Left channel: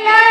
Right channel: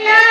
Yeah.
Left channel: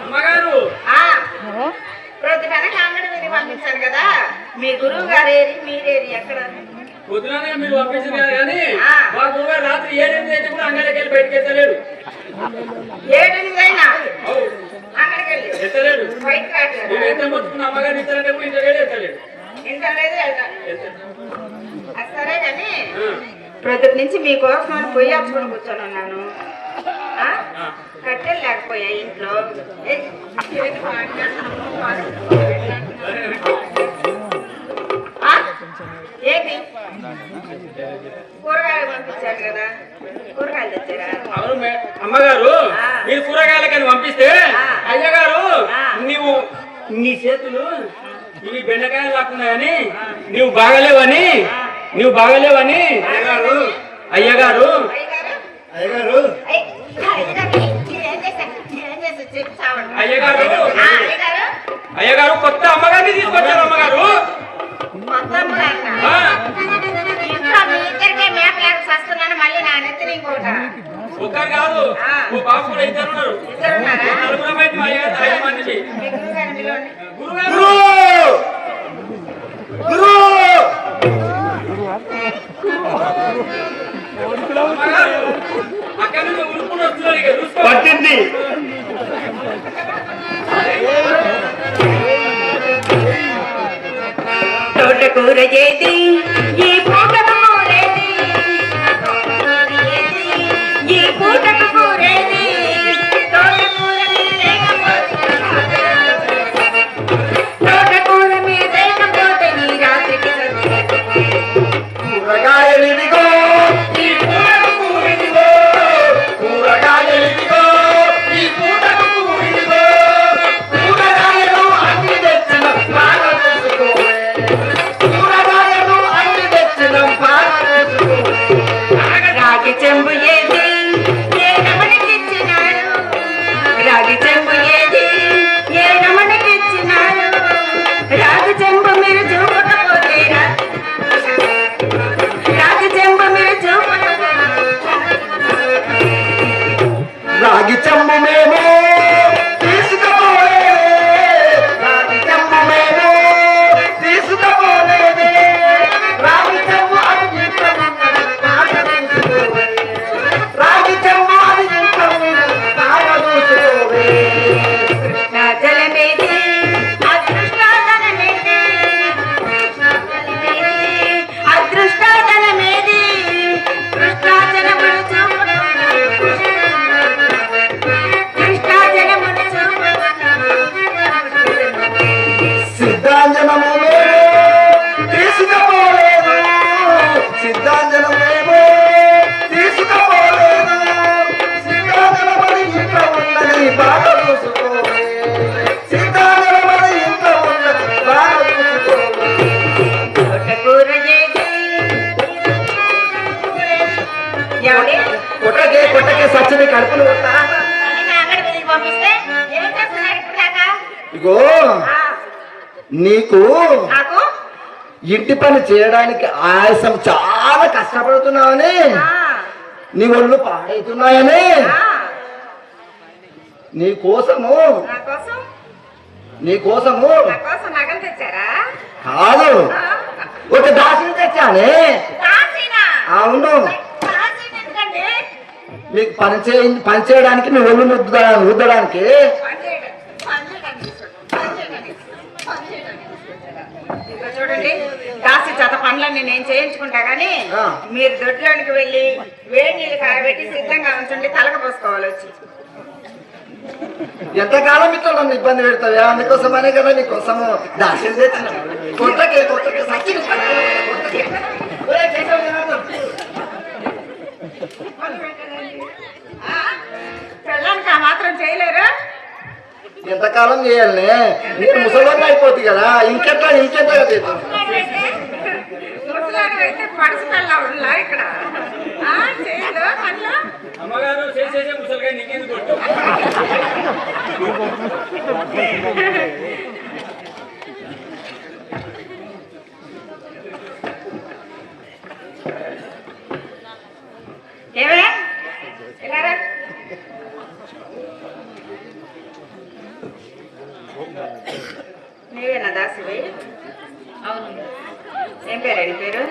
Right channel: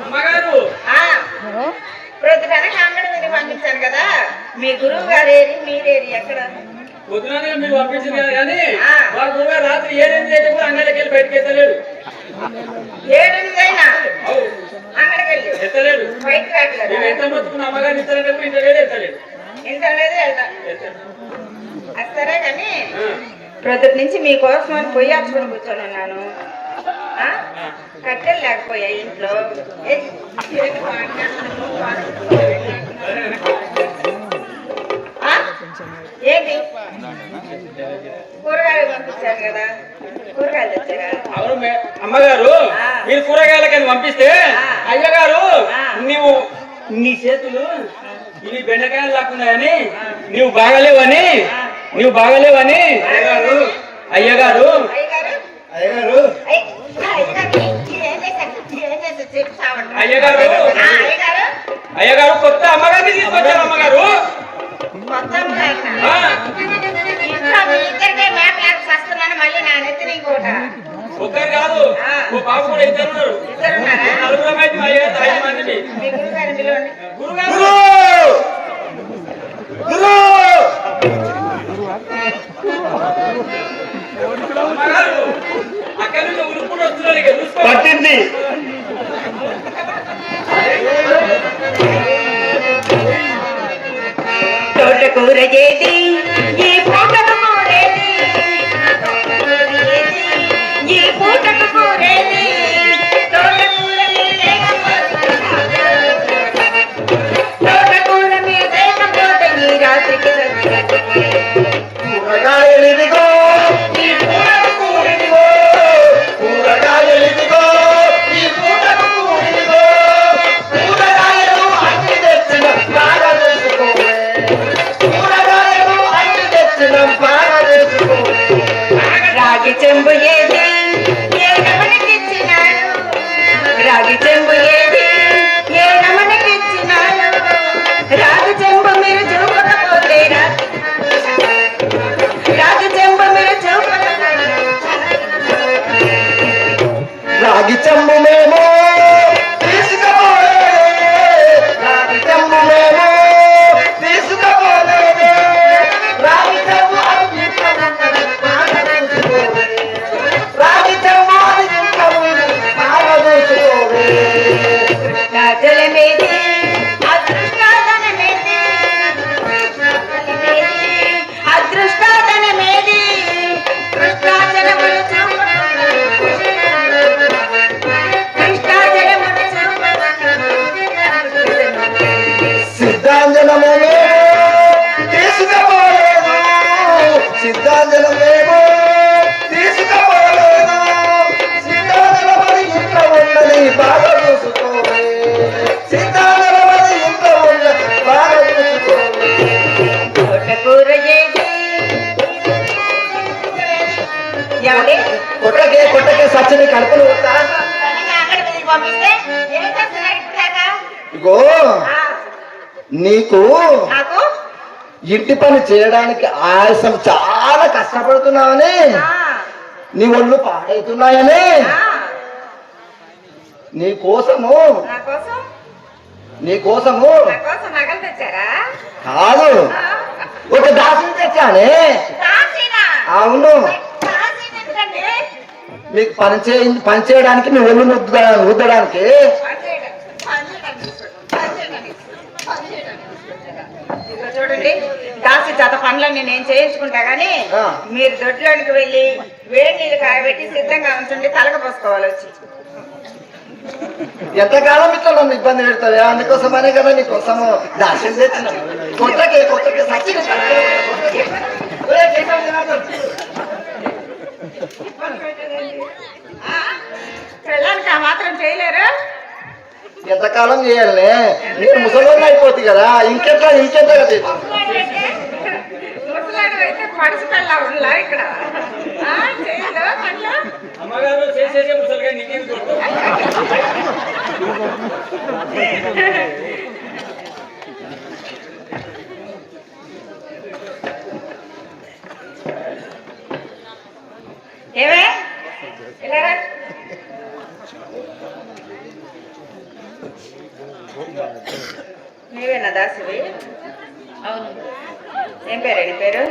అమ్మగారు! ప్రతిపన పంపించాను కదా. మీ గురువు గారు ఏది? ఎక్కడ? పొద్దుననే మీరు పంపించారు కానీ వారు గురువు గారు రాత్రి ఏడెనిమిది కూడా అంగళకి వెళ్ళి బయటకు వెళ్ళలేడు ఏడెనిమిది అయినా? ఇంత లేదు ఎత్తలేడు. మీకోసం పోయి అప్పుడు కూర్చోను కట్టెలు లేకపోయా ఇంట్లో ఏంటి కూరగాయలు పంపించారు కదా కూరగాయలు తెచ్చారా అమ్మగారు మీరు కూరగాయలకని పంపిస్తే అయ్యగారు నీవు నీ చేతులు ఇవి బెండకాయలు లాక్కున్నాయని నీవు బాగలేవని నీవు బాగలేవని అయ్యగారు. అయ్యగారు. అయ్యగారు. అయ్యగారు. అయ్యగారు కొత్త అమ్మగారిని తీసుకొచ్చారు అమ్మగారు. ఉత్తరం కాదు. గురుగారు. ఉంది. తోటకూర చేతి ఈ আগিচাম মোমেন నీకు ఇంటి పని చేయడానికి ఆయాసం చాలా కష్టపడుతున్నావని నీ ఒళ్ళు పాడవుతున్నాయని నీ కోసము నా కోసం? నీ కోసము కాదు. ఒక దాసిని తెచ్చానే? అవును? మీకు పని చే పని చేయడానికి మీ ఒళ్ళు ముద్దడానికి రుద్దడానికి చూడండి దాసి చేత పనులన్నీ నేను చేయించుకుంటా గానీ ఆ. మీరు దొడ్లోనికి వెళ్ళి వేడి నీళ్ళు కాగబెట్టి సిద్ధంగా ఉంటుండి తలక పోసుకోవాలి వచ్చి. ఎంతకాలం ఇట్లా నన్ను ఇబ్బంది పెడతావా? అందుకోసమనే కదా నీకోసము దాసిని తెచ్చిన కొత్తకే కొత్తకే సచ్చి ఆ? ఎంతకాలం చేయాలనే? నేను ముసలోని అయిపోతుంది కదా ఇంకెట్లా ఇంకెట్లా? అమ్మగారు చేసేసే ముసలిగా కొడుకు ఏమే ఇలా రా. అవును. ఏం పేరు నీ పేరు?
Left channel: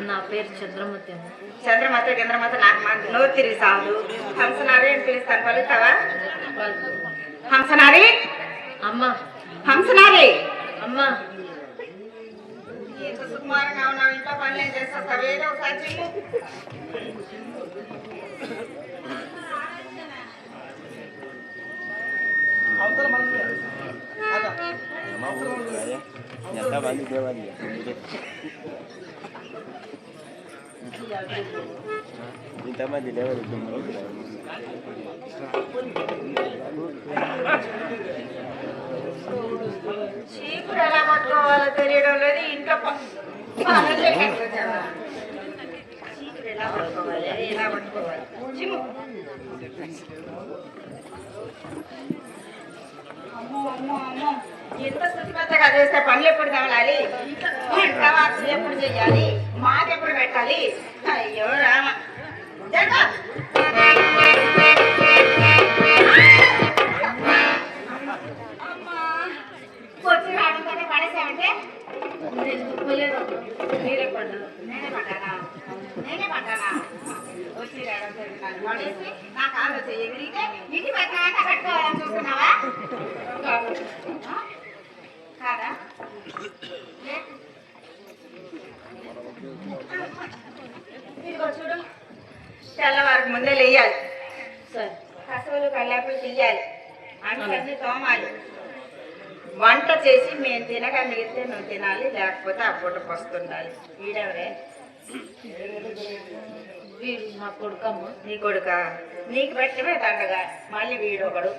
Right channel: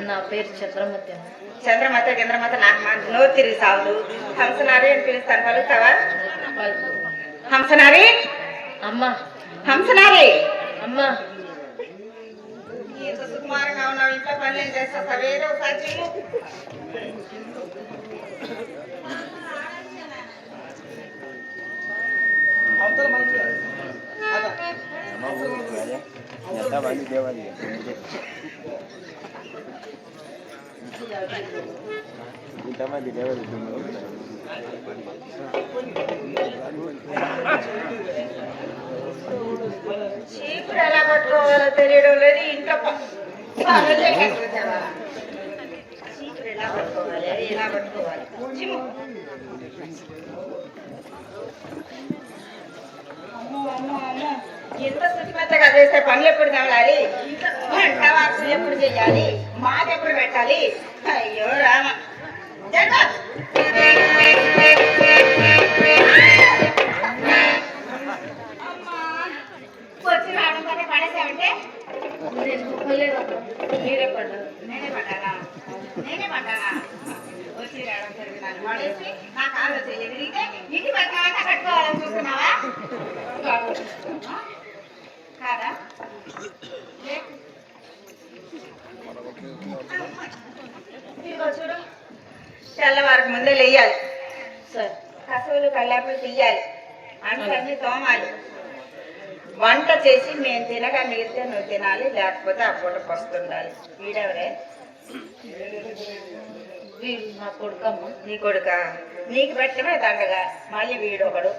నా పేరు చంద్రమతి. చంద్రమత చంద్రమత నాకు నోరు తిరిగి సాగుదు హంసనారి అని పిలుస్తాను పలుకుతావా? హంసనారి అమ్మ. హంసనారి అమ్మ. సుకుమారంగా ఉన్నావు ఇంట్లో పని ఏం చేస్తావు? ఒకసారి చెయ్యి చీపురు ఎలా పట్టుకోవాలో? తెలియడం లేదు చీపురు ఎలా పట్టుకోవాలి? ఎలా పట్టుకోవాలి చిమ్ము. అమ్మో, అమ్మో, అమ్మో. ఎంత శుద్ధిమంతగా చేస్తే పని ఎప్పుడు తగలాలి వంట ఎప్పుడు చేయాలి? మాట ఎప్పుడు పెట్టాలి? అయ్యో రామ. వచ్చి రావడం పడేసామంటే నేనే పడ్డానా? నేనే పడ్డానా? వచ్చి రావడం పడేసి నా కాలు వచ్చి ఎదిరిగితే ఇంటి పక్కన కట్టుకోవాలి. చూస్తున్నావా? కాదు? చూడు. తెల్లవారికి ముందే లేయాలి. సరే. కసువులు కల్లాపి తీయాలి. అన్నీ తోమాలి. వంట చేసి మేము తినగా మిగిలితే నువ్వు తినాలి లేకపోతే పూట వస్తుండాలి వీడెవరే? వీడు నా కొడుకమ్మ. నీ కొడుక? నీకు పెట్టడమే దండగా. మళ్ళీ వీడొకడు.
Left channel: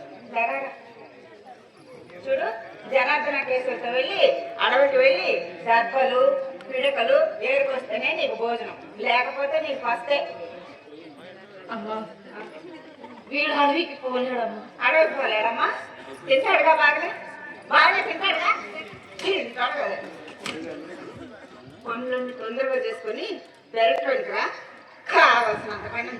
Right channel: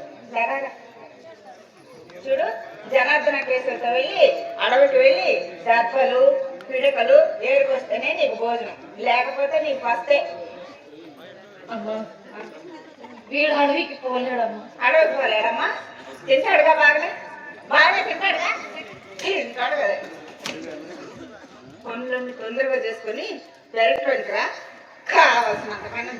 చూడు జనార్దన కేసులతో వెళ్ళి అడవికి వెళ్ళి దెబ్బలు పిడకలు ఏరుకొస్తేనే నీకు భోజనం. లేకపోతే నీకు వస్తే. వీడు అడవికి పోలేడమ్మ. అడవికి పోలేదమ్మా తింటాడుగా బాగా? బాగా తింటాడుగా తింటాడు కదా. పనులన్నీ తొందరగా చేసుకొని పెరట్లోకి రా కావాల్సినంత పని.